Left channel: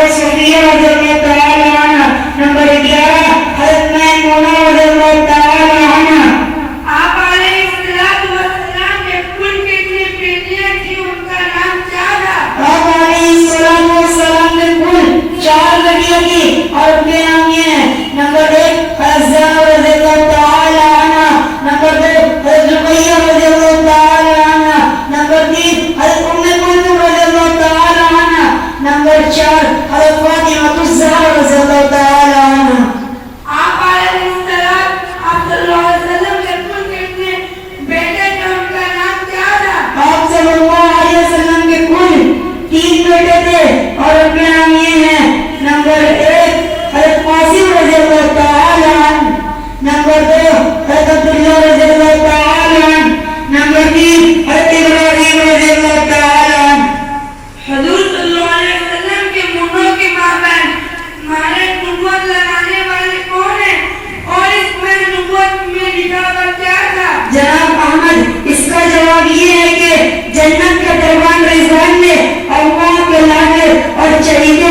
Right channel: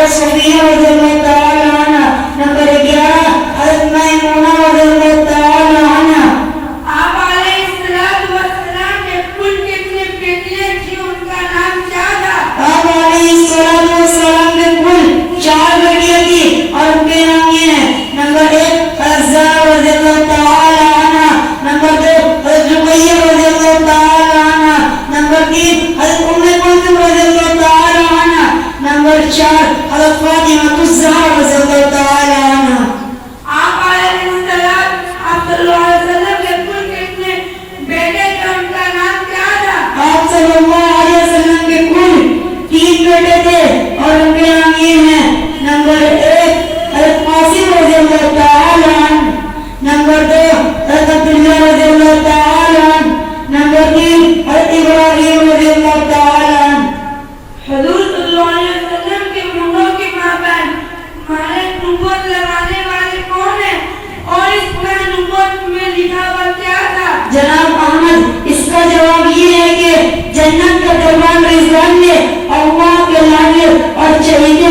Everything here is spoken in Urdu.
حضرت صفیہ رضی اللہ تعالی عنہ، نمبر 11 حضرت میمونہ رضی اللہ تعالی عنہ۔ آپ علیہ السلام کے کل کتنے بیٹیاں تھیں، ان کا نام کیا تھا؟ آپ علیہ السلام کے کل 4 بیٹیاں تھی اور ان کے نام یہ ہیں: نمبر 1 حضرت زینب رضی اللہ تعالی عنہ، نمبر 2 حضرت رقیہ رضی اللہ تعالی عنہ، نمبر 3 حضرت ام کلثوم رضی اللہ تعالی عنہ، نمبر 4 حضرت فاطمہ الزہرا رضی اللہ تعالی عنہ۔ آپ علیہ السلام صلی اللہ علیہ وسلم کے کل کتنے بیٹے تھے، ان کا نام کیا تھا؟ آپ صلی اللہ علیہ وسلم کے کل 3 بیٹے تھے اور ان کے نام یہ ہیں: نمبر 1 حضرت قاسم رضی اللہ تعالی عنہ، نمبر 2 حضرت عبداللہ رضی اللہ تعالی عنہ، نمبر 3 حضرت ابراہیم رضی اللہ تعالی عنہ۔ حضور صلی اللہ علیہ وسلم کے منوں کی مابین مہر نبوت لگانے والے کون ہیں اور اس مہر نبوت میں لکھا ہوا کیا تھا؟ جناب احمد، اس کا جواب یہ ہے کہ جنت کے دربان رضوان میں اللہ کے لانے اور شہید